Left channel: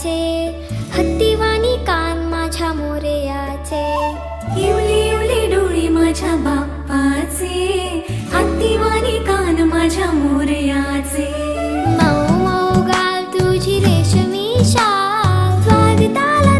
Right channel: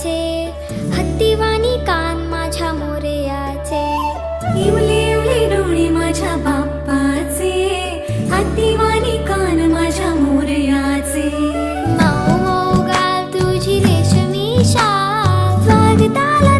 मोरयाचे, हत्तीवाणी कान माझ्या मोरयाचे. इवले इवले डोळे माझ्या बाप्पाचे, हत्तीवाणी कान माझ्या मोरयाचे. मऊ मऊ गाल तुझी रेशमी शाल, स्वागताला